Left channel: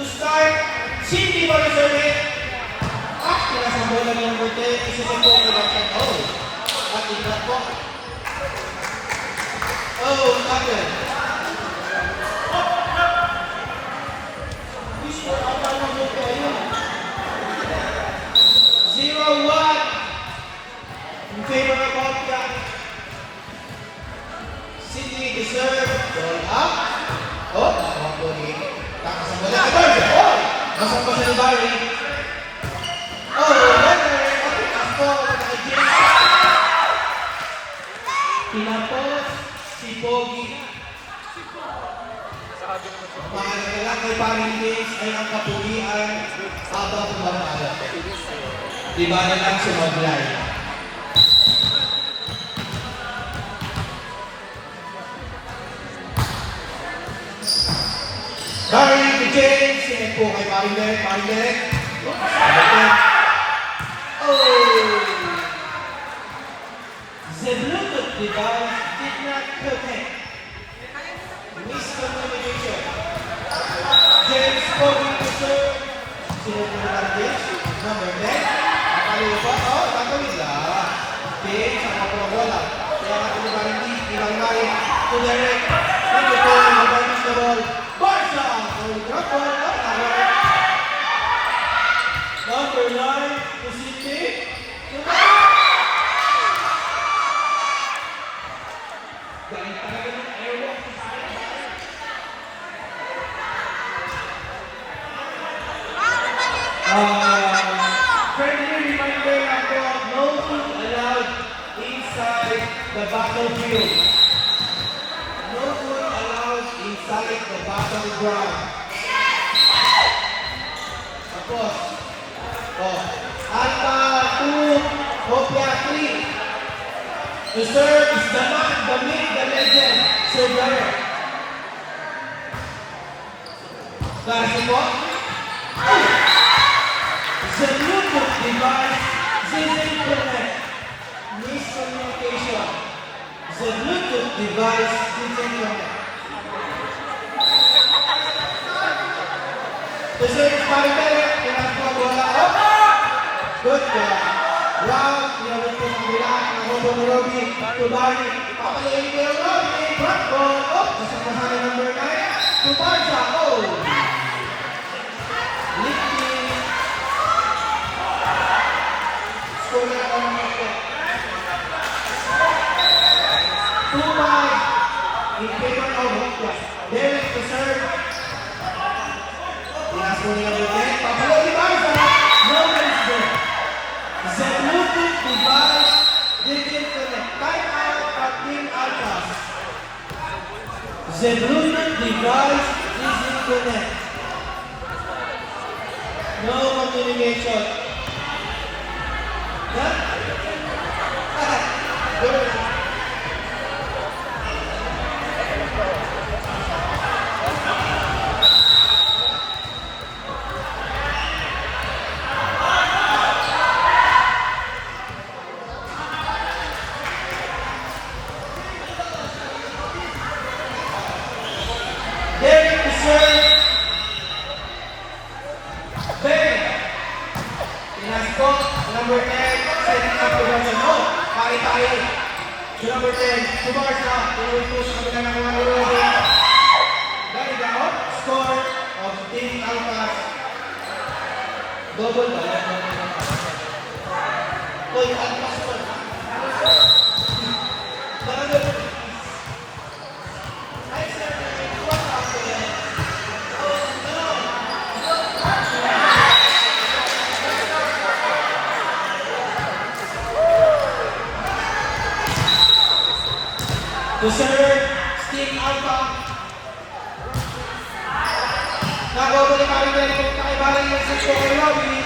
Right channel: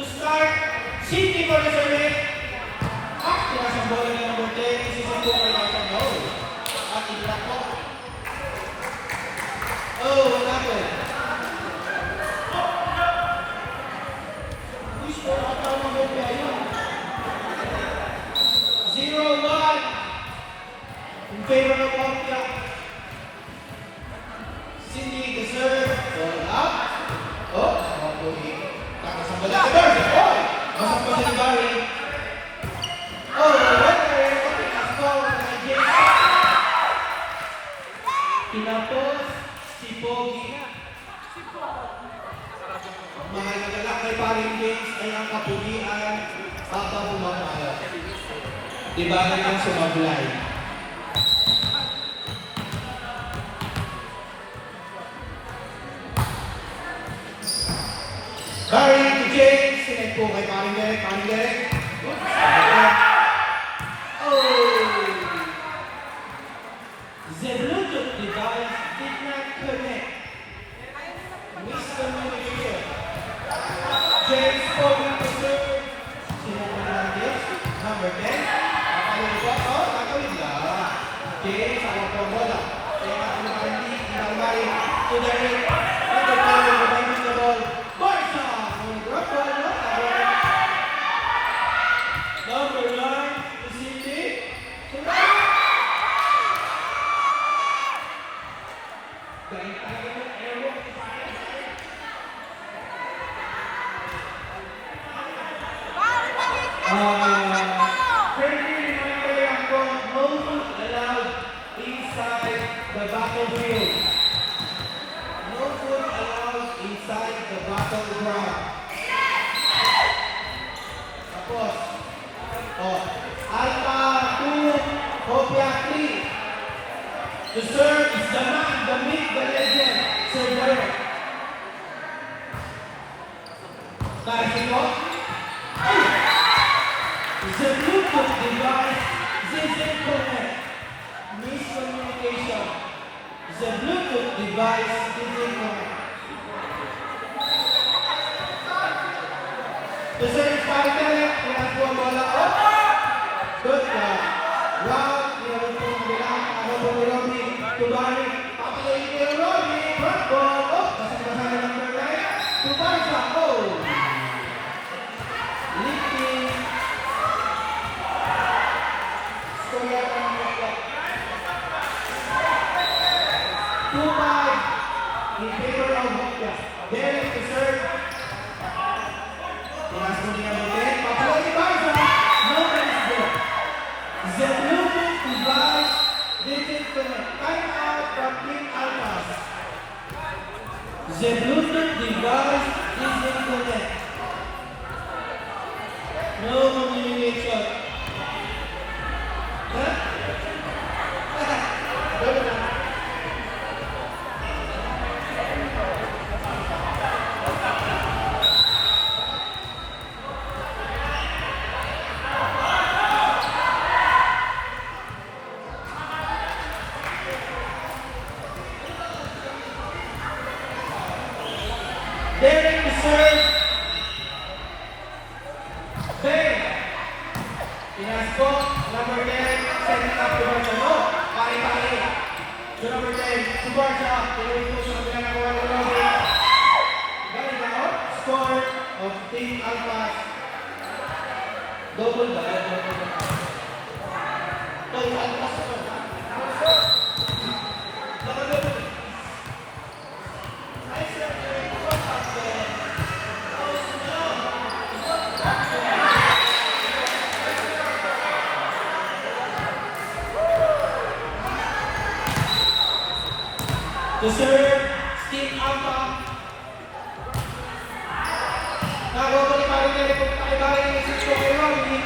To start, Cindy for the service. Pinasang bola ni number 10. Isisip po ko lang sa goal. At ingat po. Oh, what happened? Wish ko ako ng goal ko yun. 0-1 in favor of Bobcat. Cindy the serve. Ball up. Oh, nakapagpuli. Takasang bola ni Barry. Oh, masang pa siya ni Barry. Oh, pinapos si Pogi. Mahalaga lang kay Paring James ay ang kapugian habang bumabala. Diba na lang si Maglay. Paring James, sinag po kay Paring Derek. Paring Derek. The Bluetooth device did not connect. Miscommunication. James Pogan to serve. Sinukunan James. Number 10. Nakaloy pa. Oh, nakaloy lang. James, ako po bola. Kaya nakaloy pa rin ilang mali. To the right. Ito po, nabibis the ball. Barca! Ang drop ball. Number 9. To Cindy. Friendly reminder lang po, no food allowed inside the battlefield. No food allowed inside the battleground. Tapos, Alpha 2, Hopia 3. To serve is the man, the myth, the legend, Sir Derek. Kasi po, the Bluetooth device didn't connect. Miscommunication. The Bluetooth device didn't connect. To serve is Paring Derek, pinagpo ang bola. Good God. Round, pinawin po ng bilang, ako po ni Robby, to Barry, papalayin ko yung Robby, front ball, kasama na number 9, to Barca, lifting, score na ang mga 2-5, in favor of Hopia. Derek to serve, tinas po niya number 10, papalayin ni Barca, no runs there. The Bluetooth device didn't connect. Time out from Team Alphas. The Bluetooth device didn't connect. No communication. Huh? Derek to serve. Ben. Pinasok. Number 10. Setting up to Barca. No. Pare-pare. To number 10. To Barca. Pinuwi-push. Ang pinangang ng Robby. Dahil na score of Team Alphas. Double ba? Oy, ano score? Double. To serve, Steve Alpha. Nagawa po ni Paring Derek kung kakibala yung assist ko kay Robby.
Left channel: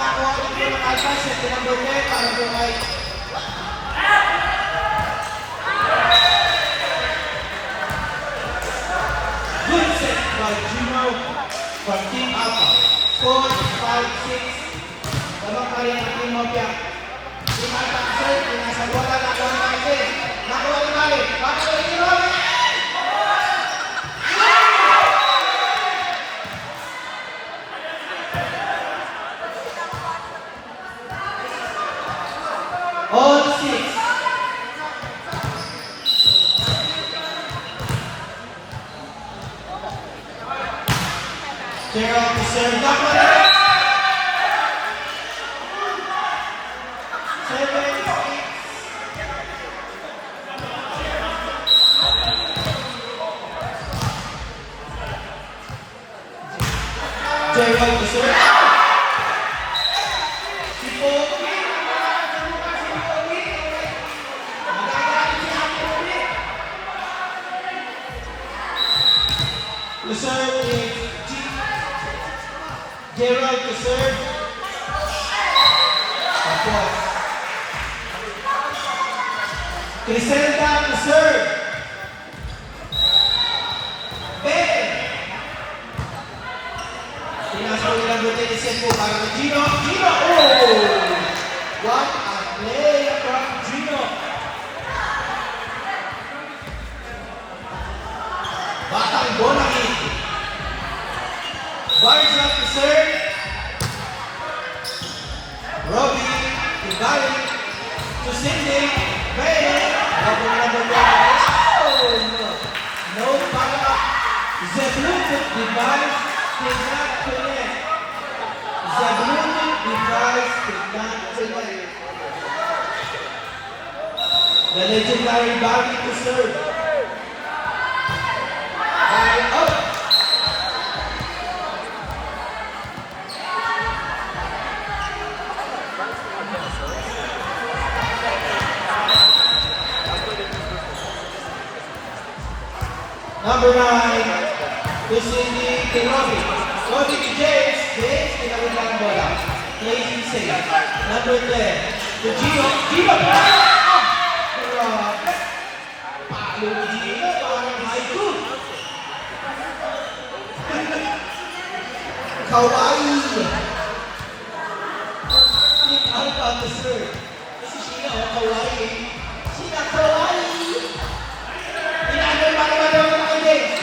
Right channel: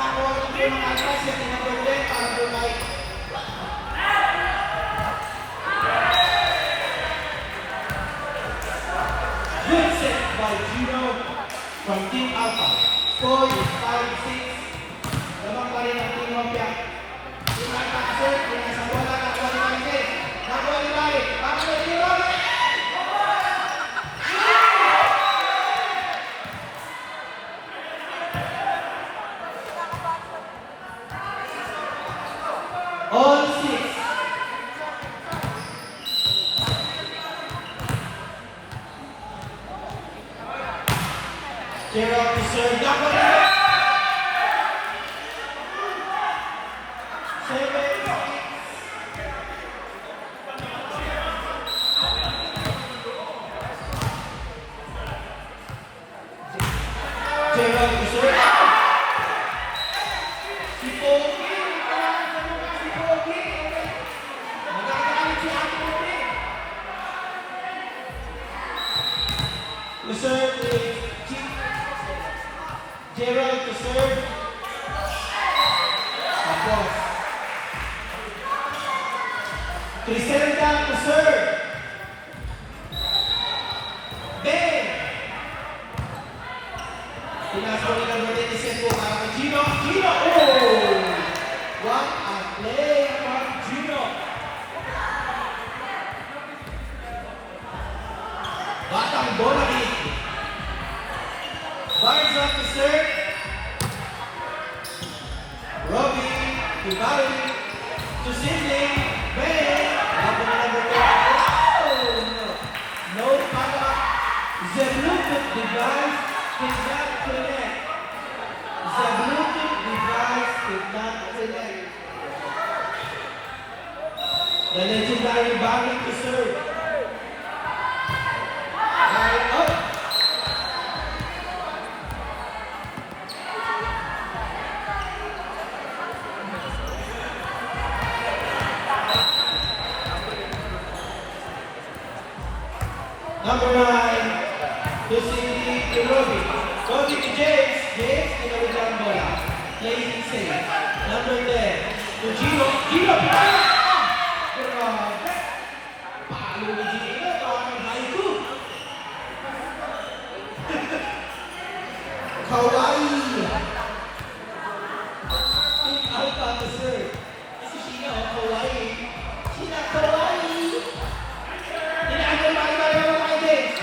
Nakakuha ko po ng Alpha set ni number 10, number 5. Good set by Gino from Team Alpha. Score is 5-6. Lamang pa rin ang Team Hopia. Team Alpha set, yung isang bola na ako ni Paring. Nakakuha ni Paring. Nakakuha ni Robby. Gerald to serve. Not right. 7, 8. Gerald to serve. Si Pogi. Si Pogi. Magagalit si Ate Pogi. To serve is Gerald to serve. Tapos. Criselda to serve. Ben. Pinasok nilang Martinez po para kay Gino. Gino! Oh! What a play from Gino. Batang Bonagit. Barza to serve. Robbie to Barry to Sidney. Ben. Number 1. Oh no. No para. The Bluetooth device did not connect. The Bluetooth device did not connect. The legendary Barry to serve. Barry up. Number 9, to Cindy, to Robbie. Robbie to James. James, tinawid lang ang bola. Plays in safe. Number 10, to Gino. Gino! Grabe! Palo ni Gino. Parang haiku. Kawaii! Take out on the serve. Kasi Sheena, oh, kawaii. Sheena, kawaii! Pinasok ba naman daw na kay James?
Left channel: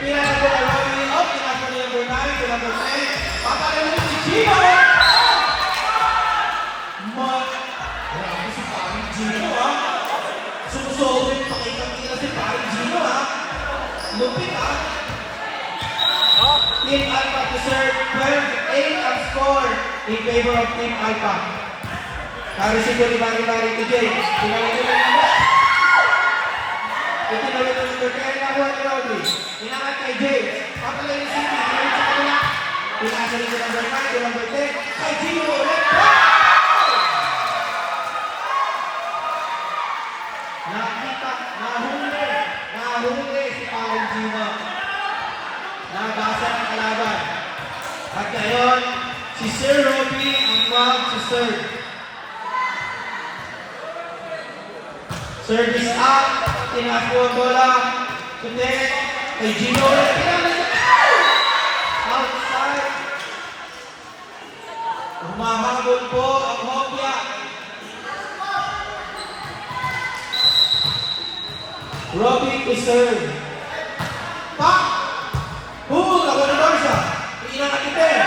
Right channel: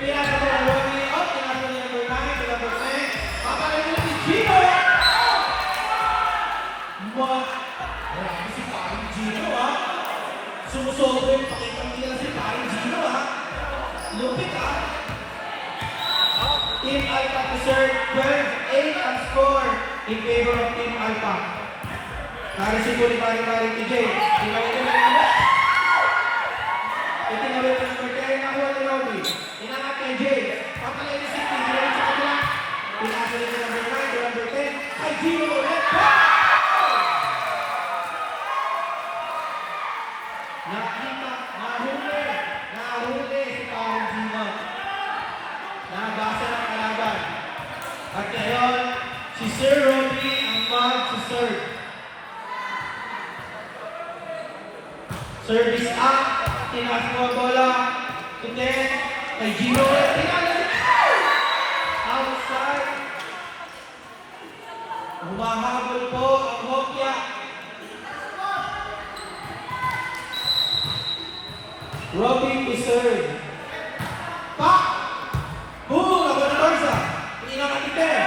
Pinasok ko kay Robbie up. Pinasok ni number 9 to number 10. Papalayo na si Gino! Grabe si parang Gino, ha? Sumusobrin, pakitang tira si parang Gino, ha? Lupit, ha? Team Alpha to serve. 12-8 ang score in favor of Team Alpha. Narisip ko ni Mario to James. Pinalayo na nila. Itinawid na number 10 na Juan Robbie. Inaat kay James. Papalay ni City. Pinawid sa kanila. Pinasa rin si number 9 to number 10. Kay Gino ulit. Nakita. Nahuli si Paring Gino. Nabasa ang kalaban. At ngayon, si Sir Robbie ang mag-serve. Service up. Tinaas mo ang bola. Kundi, kay Gino ulit. Pinalagay. Outside. Humahabol po ang Hopia. Robbie to serve. Pak! Hubog ako ng Barza. Pinakatitin.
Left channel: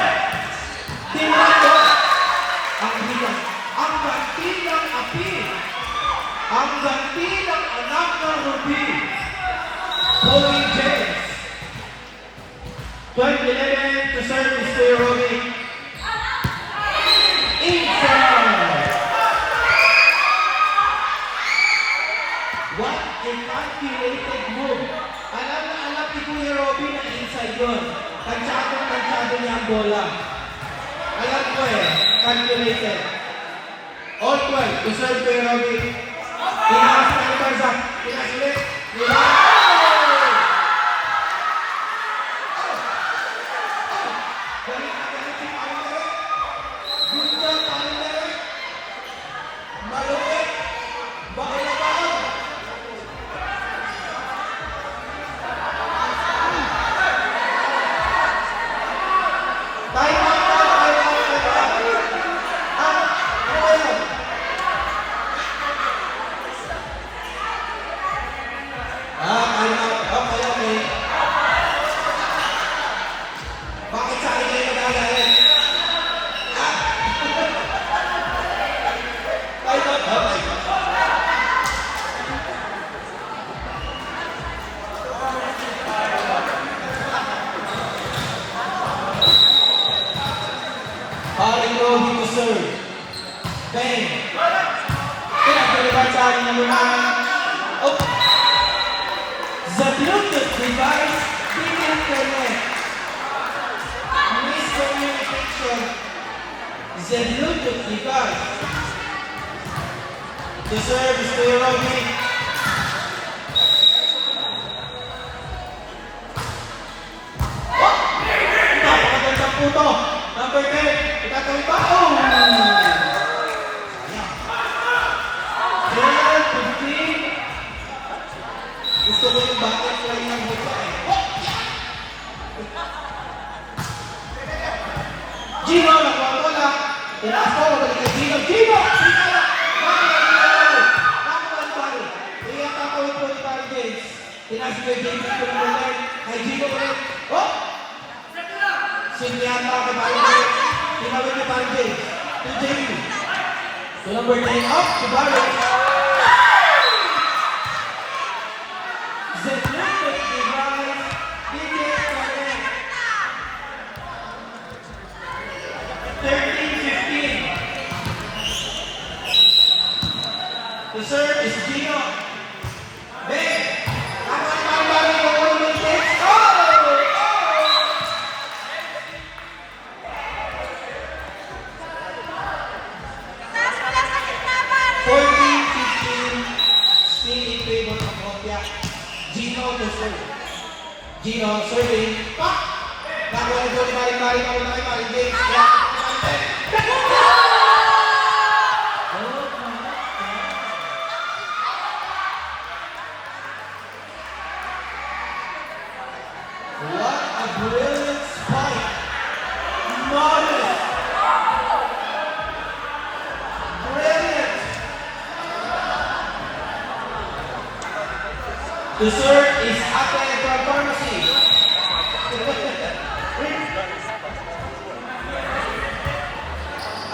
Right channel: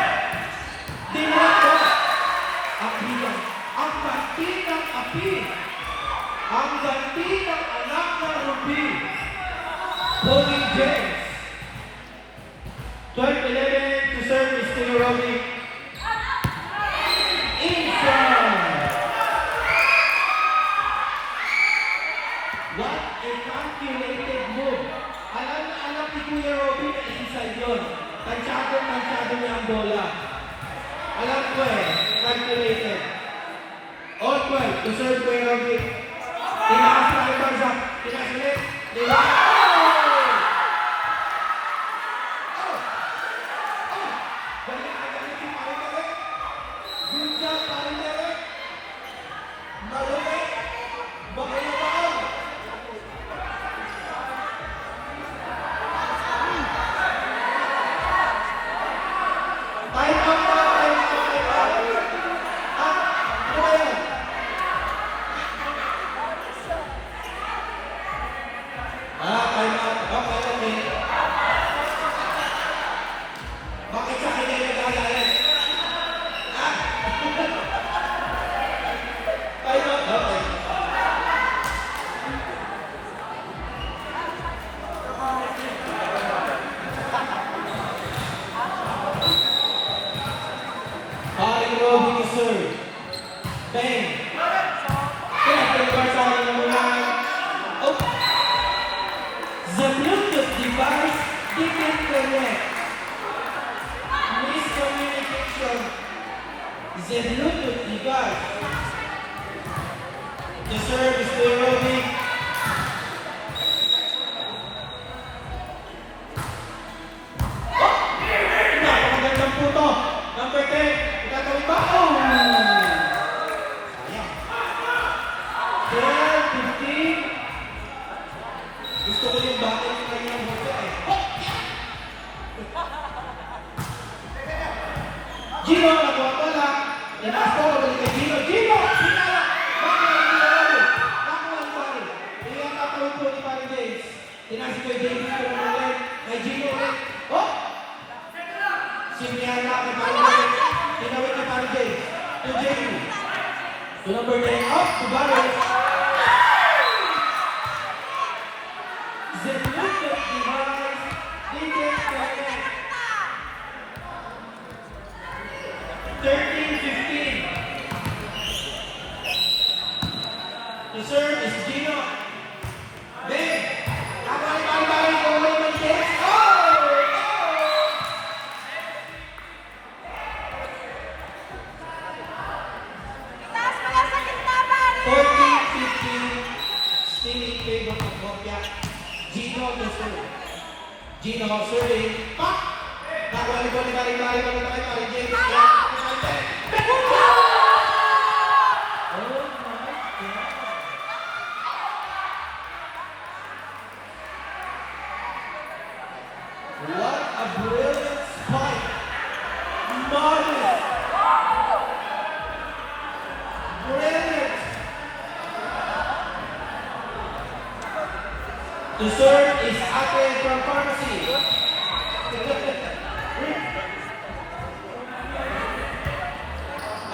Tinakot. Ang bilang. Ang ganti ng api. Ang ganti ng anak ng Ruby. Pogi James. 12-11 to serve Mr. Robbie. Inside. What a calculated move. Alam na alam ni Kuya Robbie na inside yun. Tansyado niya ang bola. Alam ko calculated. All 12 to serve Kuya Robbie. Tinakas si Barza. Tinakas ulit. Galit si Paring Derek. Gunja Paring Derek. Malupit. Baka na baka. Time out. At serve. Bang. Pinag-deliver sa ating number 9. Oh. The Bluetooth device didn't connect. Miscommunication. The Bluetooth device. The serve is Kuya Robby. Napakagandang puto. Number 10. Itatawid ba? Oh! Ayan. 12, 15. Gusto ko yung battle fly ng buto eh. Gino, nakuha ko na. Tinaas ko, mabalik kay Gino. Gino! Nakuha ang ball. Iyan tatawid po ni Parang James. Tinaas ko yung James ko ng line. Kay Gino ulit. Oh! Sindihan lang kay Parang James. Tinawid ni Parang James. To Jamie. To number 9 up. To Barrett. The Bluetooth device didn't connect. 13-15. The serve is Gino. Bang! Ako ang pang-bari ko ng may takes. Oh! Taas mo lang sa gitna, pare! 14-15. Still in favor of Hopia. Gino to serve. Gino serving. Pop! Nakuha ni Goli Mari James. What a brilliant spike. Marvelous. Brilliant. The serve is Ate from Pharmacy.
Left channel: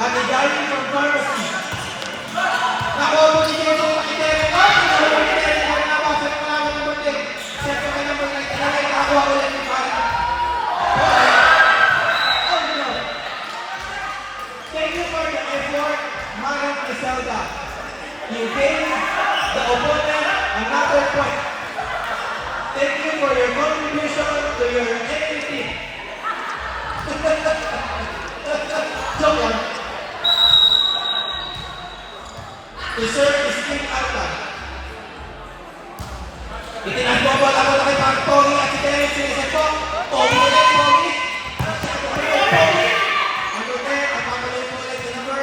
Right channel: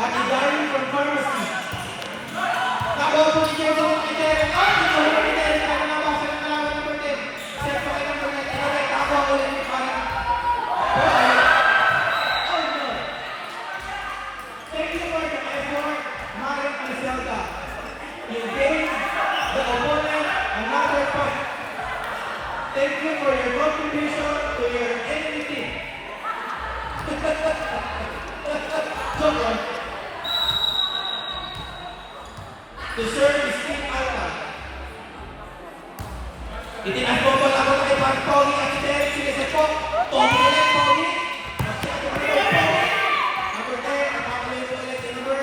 Ate Darling from Pharmacy. Nakuha po ni James ang makikari. Ay! Ang makikari na rin ako sa kalaman ng birthday. Siyempre ka na po na itinari. Nakakuha ko lang yung parang. Oh no. Thank you for the effort, Mario Criselda. You gave the opponent another point. Thank you for your contribution to your enemy team. Joke lang. The serve is King Alta. Itinaas mo ba ako na kay Parang Tony at si Derek sinisip po. Tony ulit, Tony. Tony. Number 10, at pakaloy po ulit yung number.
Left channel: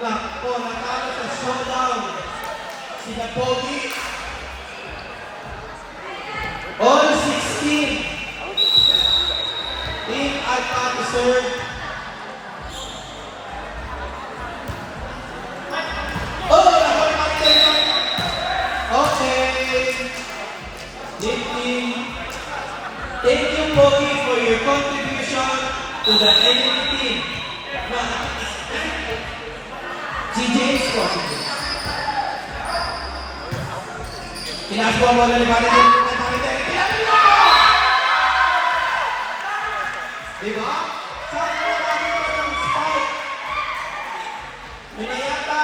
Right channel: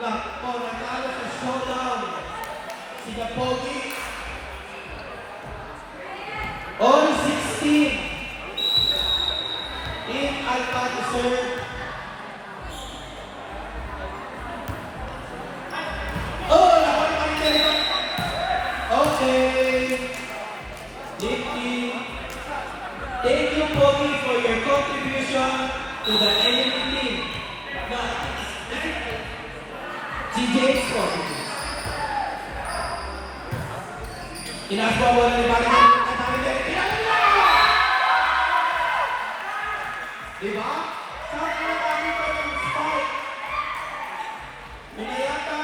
Nako, natalo sa showdown. Si Pogi. All 16. Team Alpha to serve. Oh, nakuha tayo. Okay. Thank you, Pogi, for your contribution to the enemy team. Now, si James contributes. Tinaas po ang bola ni Barrett. Diba? Saan na namin ito ng spike? Pinayata,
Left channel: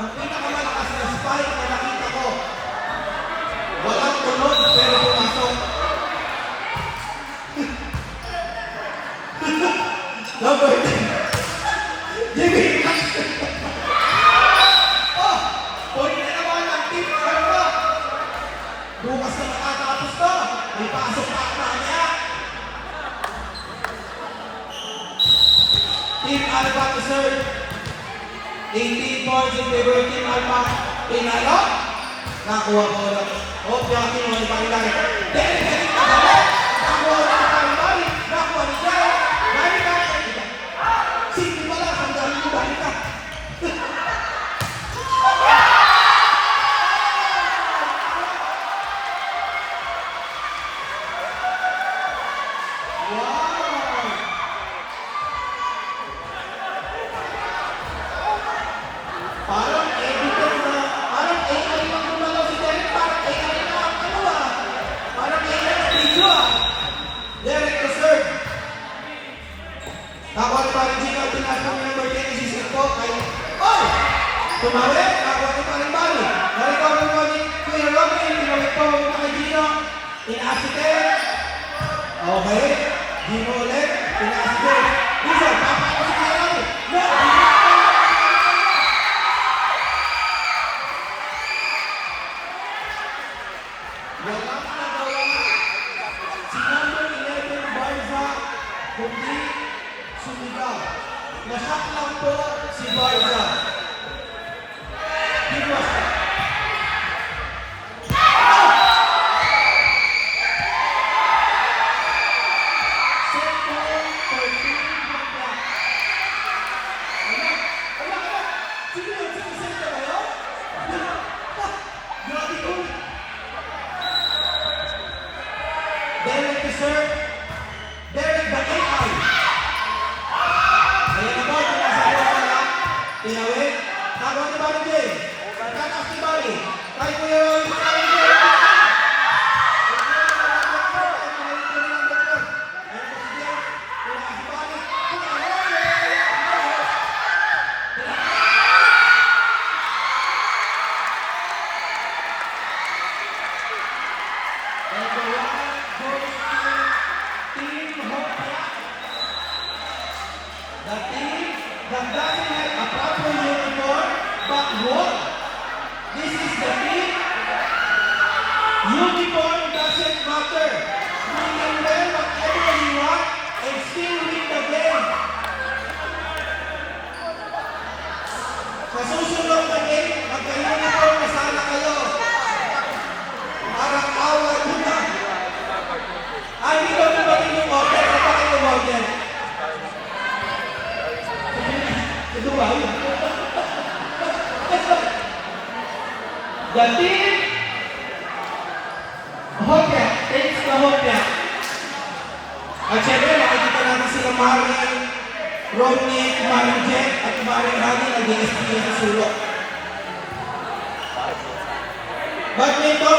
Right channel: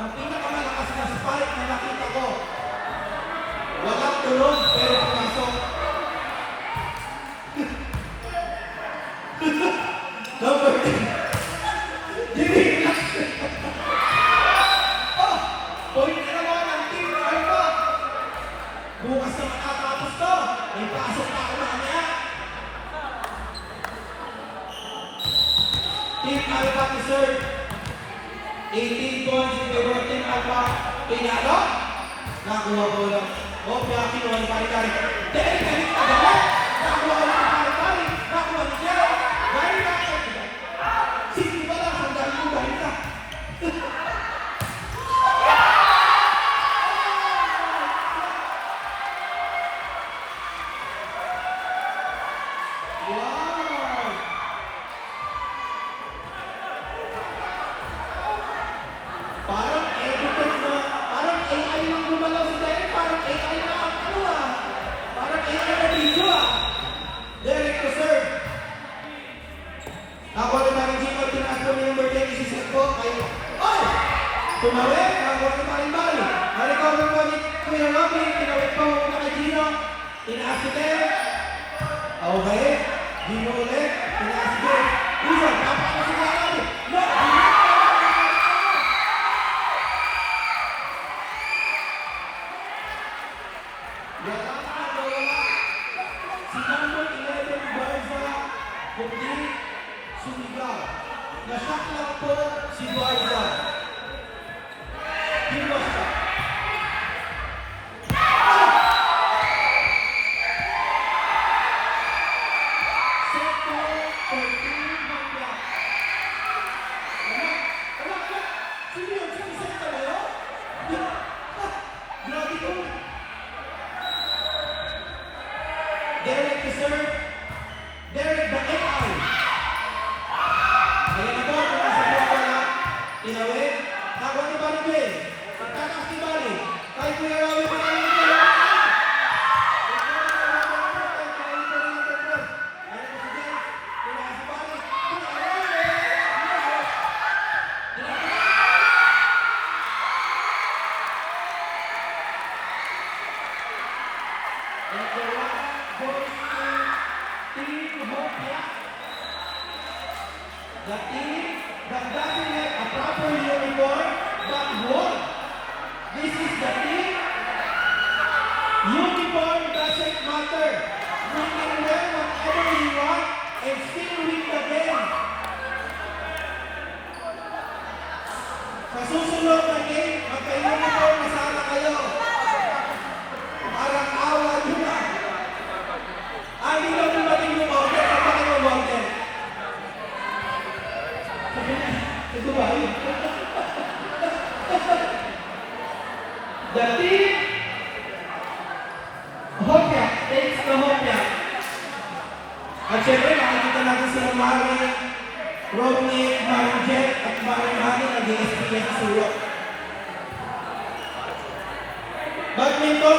ang pinakamalakas na spike na nakita ko. Walang tulog pero pumasok. Number 10. Jimmy! Oh! Point na naman ang team. Ano ba? Bukas na makatapos to. May pasok na ako mamaya. Team Alpha to serve. 18 points in favor of Team Alpha. Pinalo. Nakuha ko lang. Oh, yung kinuha ni Parinari. Derek, galit na galit. Nakuha ni Parinari. Nakuha ni Derek. Galit na. Sige pala, sandali mo galit ka. Wow! Parang editor na, parang AI lang gumalaw si Derek, parang AI na ang ano ah. Parang AI na video ah. Tinaas si Ken. Okay. Di mo ulit. Tinaas si Ken. Rizal, papakot si Marami. No! Walang nagawa si number 11 Barza kundi sumigaw. Nashock lang po si Barza. He was Derek to serve. Derek the AI. Ayan na po, kung nasa bola. Tinawid. Nakuha ni Bali James. Tataas ni Bali. Tayo po yung rawin mo namin ko. And the one goes to Team Hopia. The team that doesn't have a proper uniform but won. This is the team. Uniform doesn't matter. We can wear whatever we want and still win the game. Sa susunod na game, magka-uniform na sana kayo. Parang awal ko na. Hindi ko naman yung order sa parang order. Ito ba? The team Hopia takes the Hopia. At syempre, makikita natin sila Maring Rodney, Maring Jet, at Maring Hani ng DSP sa sulok. Badminton